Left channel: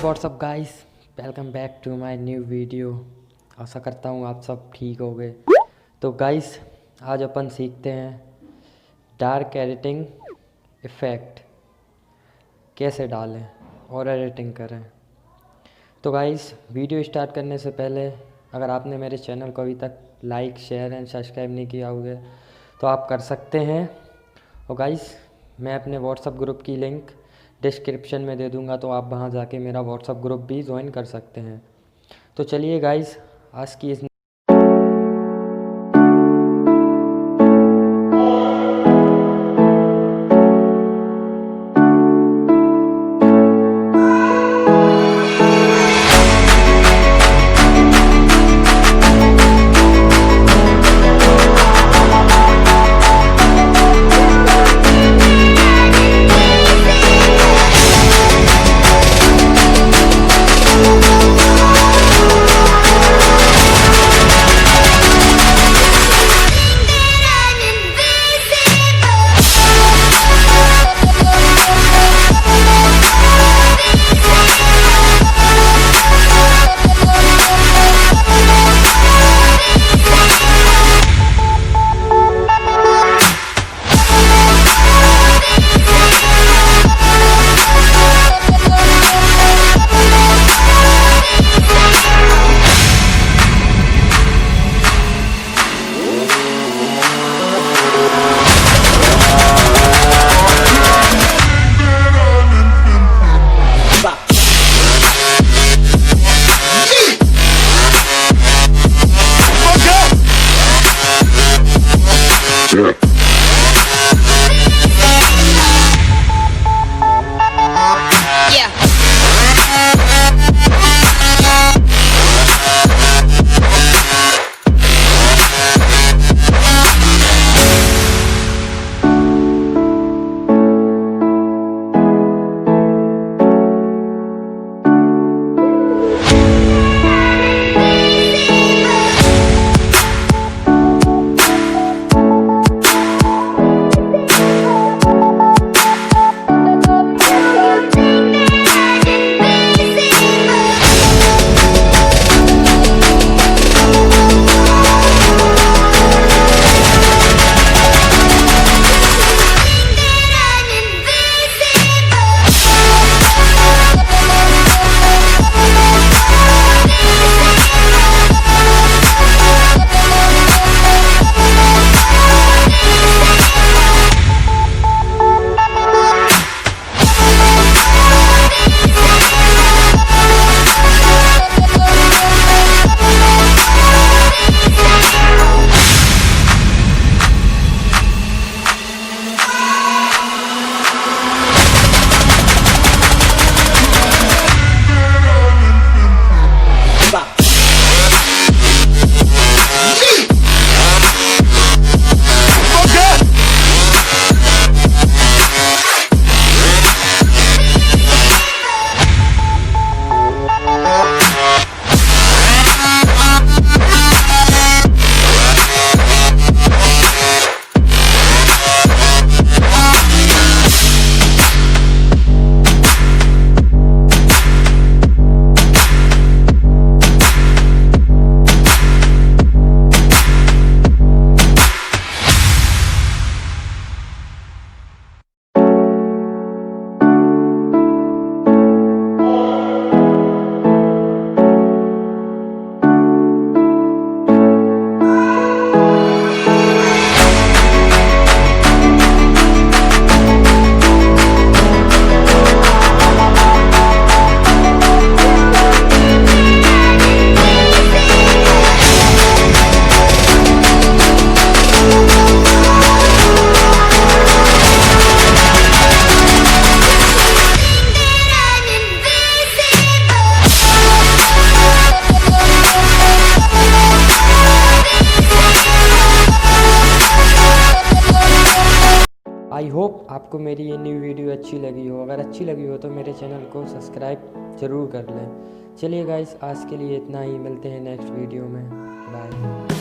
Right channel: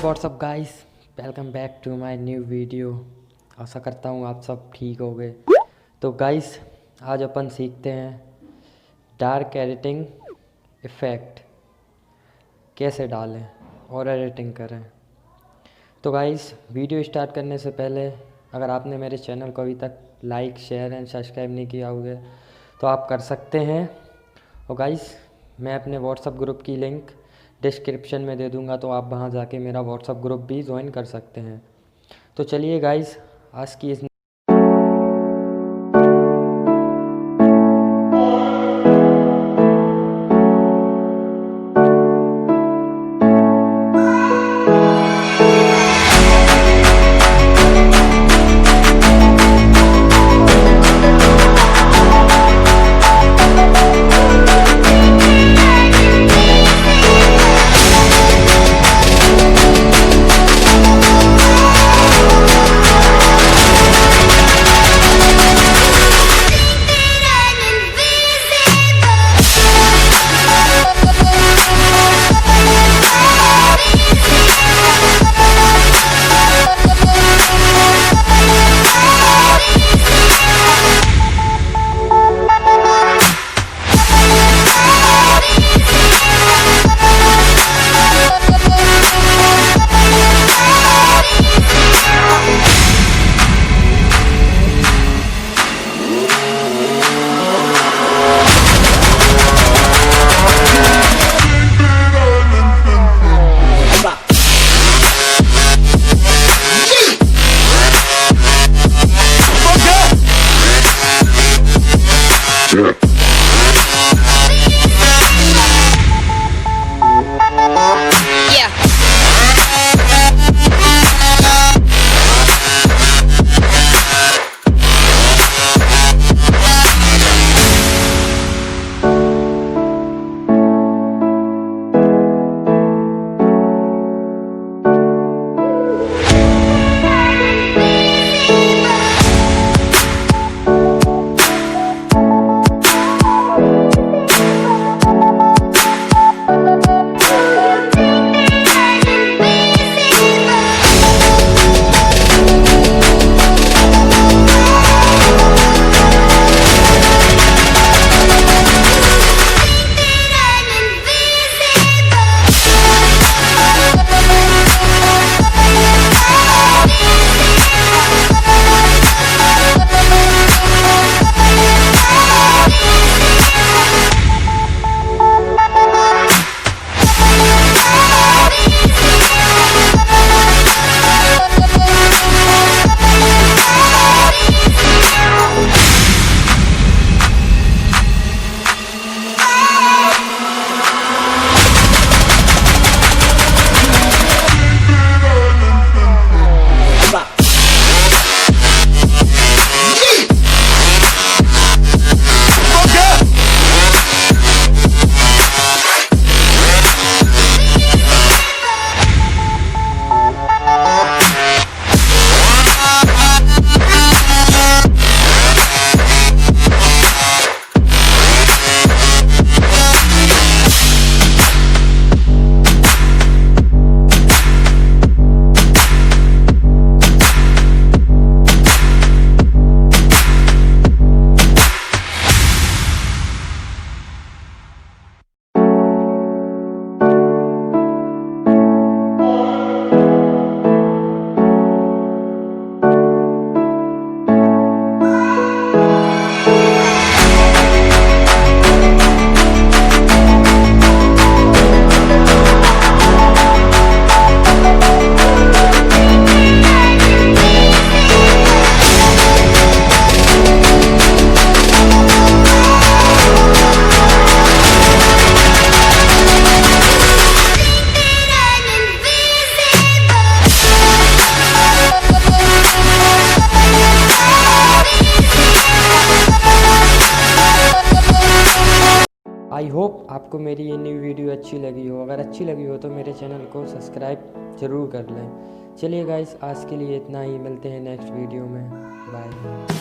WhatsApp guys, welcome back to my new video. आशा करता हूँ आप सब ठीक हो गए। तो गाइस आज अपन सीखते हैं डार्क एडिटिंग इफ़ेक्ट कैसे डालें और एडिटिंग करें। तो गाइस वीडियो स्टार्ट करने से पहले अगर आपने मेरे चैनल को अभी तक लाइक शेयर एंड सब्सक्राइब नहीं किया हुआ है तो आप कर सकते हैं। और गाइस मैं अपने व्हाट्सअप ग्रुप की लिंक डिस्क्रिप्शन में दे दूंगा, तो आप वहां जाके मेरा व्हाट्सअप ग्रुप भी ज्वाइन कर सकते हैं। तो चलिए गाइस आज की इस आई होप आपको मेरी ये न्यू वीडियो अच्छी लगी हो। अगर अच्छी लगी हो तो मेरे चैनल को सब्सक्राइब ज़रूर कर लें। चलिए गाइस आज के लिए इतना ही, मिलते हैं नेक्स्ट वीडियो में। बाय।